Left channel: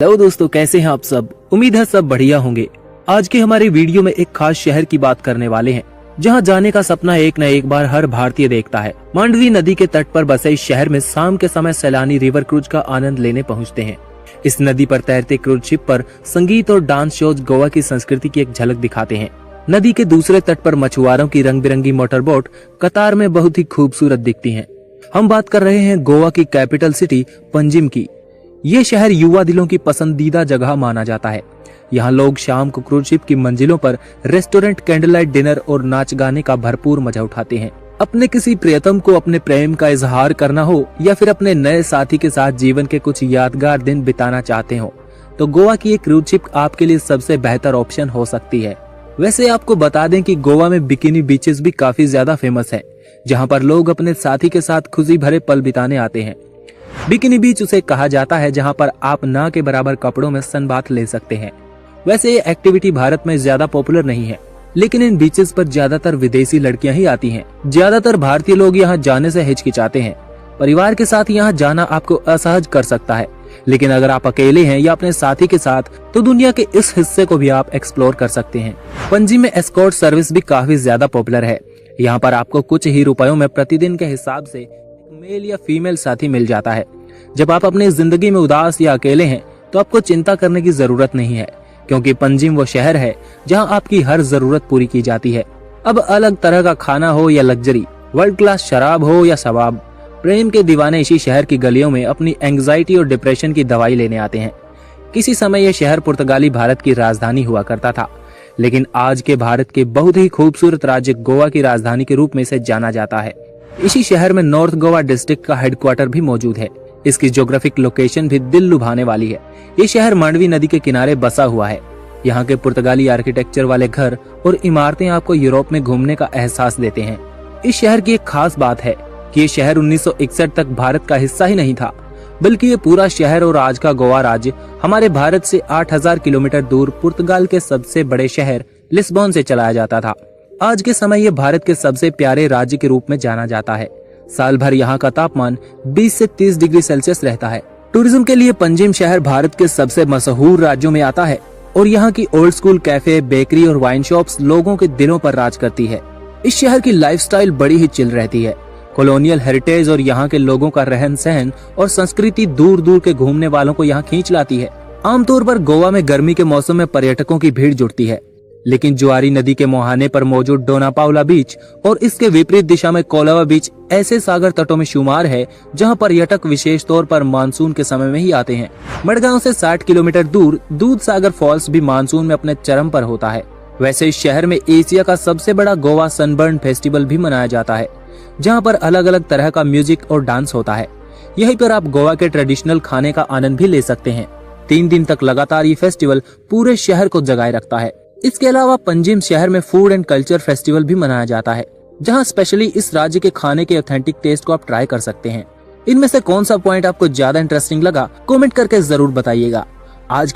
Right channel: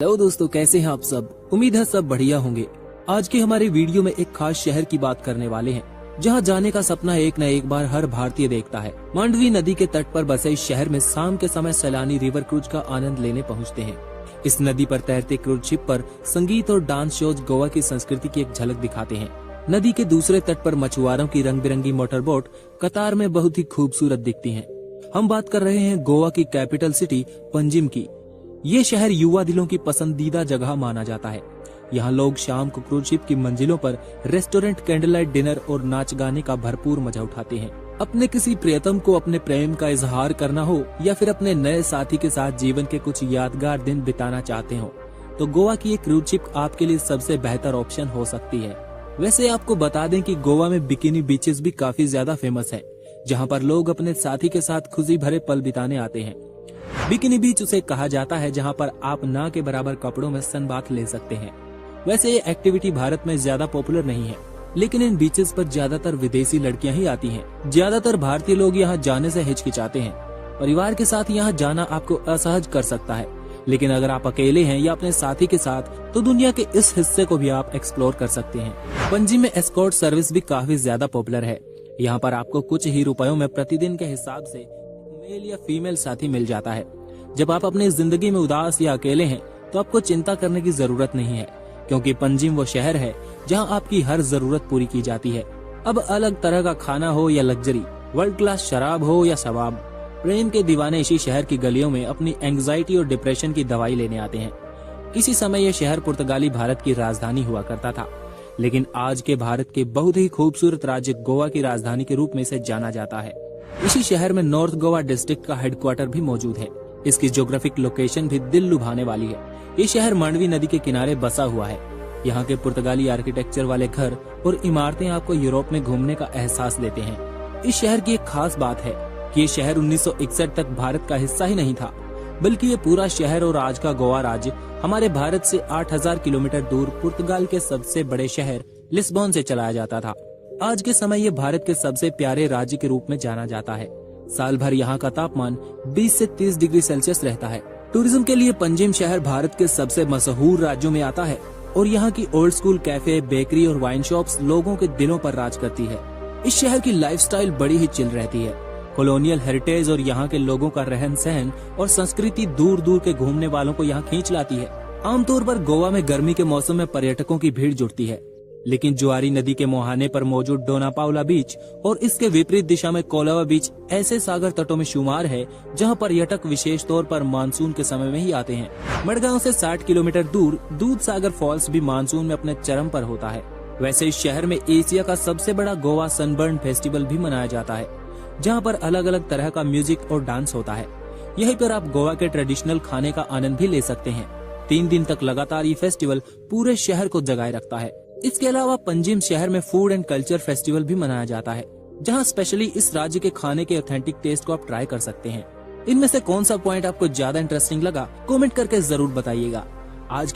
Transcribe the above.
Hello दोस्तों, कैसे हैं आप सब। उम्मीद है सब बढ़िया होंगे। आज के हमारे वीडियो में एक खास शहर की बात करने वाले हैं जहां जाने का सपना एक न एक बार हर भारतीय देखता है। मांडवी नदी के तट पर बसे इस शहर में शाम के समय सैलानी रिवर क्रूज का आनंद लेने पहुंचते हैं। इस नदी पर तैरते क्रूज शिप पर संगीत और डांस शोज गोवा की संस्कृति की एक झलक दिखाते हैं। नदी के दूसरे तट पर मछुआरों की रंग बिरंगी मोटर बोट कतार में बहुत ही खूबसूरत दिखती हैं। हम बात कर रहे हैं गोवा की कैपिटल सिटी पंजिम की। ये शहर युवा दिलों की पसंदीदा जगह माना जाता है। यहाँ लोग शाम को क्रूज शिप की मंजिलों पर रेस्टोरेंट, कैंडल लाइट डिनर और नाच गाने का भरपूर मजा उठाते हैं। अपने किसी प्रियतम को अपने प्रेम का इजहार करना हो या फिर अपने नए साथी के साथ जीवन के कुछ यादगार दिन बिताना चाहते हो तो गोवा की एक क्रूज शिप आपके लिए सबसे बेहतर ऑप्शन हो सकती है। वैसे आपको बता दें कि गोवा में बिकिनी बीचेस भी काफी ज्यादा फेमस है, जहाँ पर लोग अपने साथी के साथ खुशी भरे पल बिताने आते हैं। बिकिनी बीच उसे कहा जाता है जहां पर आप ना के बराबर कपड़ों में सनबाथ ले सकते हैं। वैसे ये एक्टिविटी भारत में ज्यादा पॉपुलर नहीं है, लेकिन इन बीचेस पर ज्यादातर विदेशी लड़कियां ही आती हैं। ज्यादातर भारतीय लोग यहां जाने से हिचकिचाते हैं। परिवार के साथ यहां जाना आपको असहज कर सकता है, लेकिन अगर आप अकेले हैं या अपने साथी के साथ तो दुनिया के इस हिस्से को भी आप एक्सप्लोर कर सकते हैं। पणजी में एस्कॉर्ट सर्विस भी काफी ज्यादा पॉपुलर है। यहाँ पर आपको कुछ ही रुपयों में प्रतिदिन के हिसाब से मेल या फीमेल साथी मिल जाता है। जब आप अपनी जिंदगी में उदास या अकेले हैं तो आपको चिंता करने की जरूरत नहीं है, क्योंकि पंजिम वो शहर है जहां आपकी हर जरूरत पूरी की जाती है। अब अलग तरह का खाना हो या लग्जरी, वर्ल्ड क्लास शराब हो या शबाब, प्रेम के दीवाने इसी शहर की गलियों में अपनी एंग्जाइटी और डिप्रेशन की दवाई लेने आते हैं। किसी समय यह शहर पुर्तगाली भारत की राजधानी हुआ करता था, लेकिन आज के भारत के बहुत ही खूबसूरत राज्य गोवा की राजधानी के रूप में इसे जाना जाता है। इसी शहर में नॉर्थ गोवा डिस्ट्रिक्ट का हेडक्वार्टर भी मौजूद है। इसकी ज्योग्राफिक लोकेशन भी दिल लुभाने वाली है। ये शहर मांडवी नदी के किनारे बसा हुआ है। यहाँ के पुर्तगाली आर्किटेक्चर वाले घर और इमारतें आपको यूरोप में घूमने का एहसास देते हैं। इस शहर की एक खास बात है कि ये शहर 1961 तक भारत का हिस्सा ही नहीं था, बल्कि ये पूरा शहर और आज का गोवा राज्य हमारे भारत से 8000 किलोमीटर दूर पुर्तगाल के सबसे बड़े शहर लिस्बन से चलाया जाता था। आज के समय ये भारत के सबसे प्यारे राज्य के रूप में जाना जाता है। साल भर यहाँ का तापमान 20 से 30 डिग्री सेल्सियस रहता है। टूरिज्म के लिए पंजिम शहर भारत के सबसे मशहूर राज्यों में आता है और यहाँ की ओल्ड स्कूल कैफे, बेकरी और वाइन शॉप्स लोगों के दिलों पर राज करती है। इस शहर की लाइफस्टाइल बड़ी ही चिल रहती है। कॉलोनियल हेरिटेज और यहाँ के लोगों का रहन सहन और संस्कृति दूर दूर के घूमने वालों को यहाँ खींच लाती है। आमतौर पर गोवा में गर्मी के मौसम में पर्यटकों की भीड़ जुटती है, लेकिन जुआरी नदी के मुहाने पर मौजूद डोनापाउला बीच और इसके विपरीत दिशा में कोलावा बीच ऐसे सागर तटों में शुमार है जहां पर्यटक विशेष तौर पर मानसून के समय में ही आते हैं। मडगांव से 60 किलोमीटर दूर दूध सागर फॉल्स भी मानसून में अपने चरम पर होता है। वैसे इस शहर में एशिया का सबसे बड़ा गोवा सनबर्न फेस्टिवल भी मनाया जाता है, जहाँ पर अलग अलग तरह का म्यूजिक और डांस होता है। यहीं पर आप गोवा के ट्रेडिशनल खाने का आनंद भी ले सकते हैं। 3 दिन तक लगातार ये फेस्टिवल पूरे शहर को जगाए रखता है। इसके अलावा पंजिम शहर में फूड एंड कल्चर फेस्टिवल भी मनाया जाता है, जहां स्पेशली इस राज्य के खाने के ऑथेंटिक टेस्ट को आप ट्राई कर सकते हैं। इनमें से कौन सा पॉइंट आपको ज्यादा इंटरेस्टिंग लगा, कमेंट करके जरूर बताइएगा। आज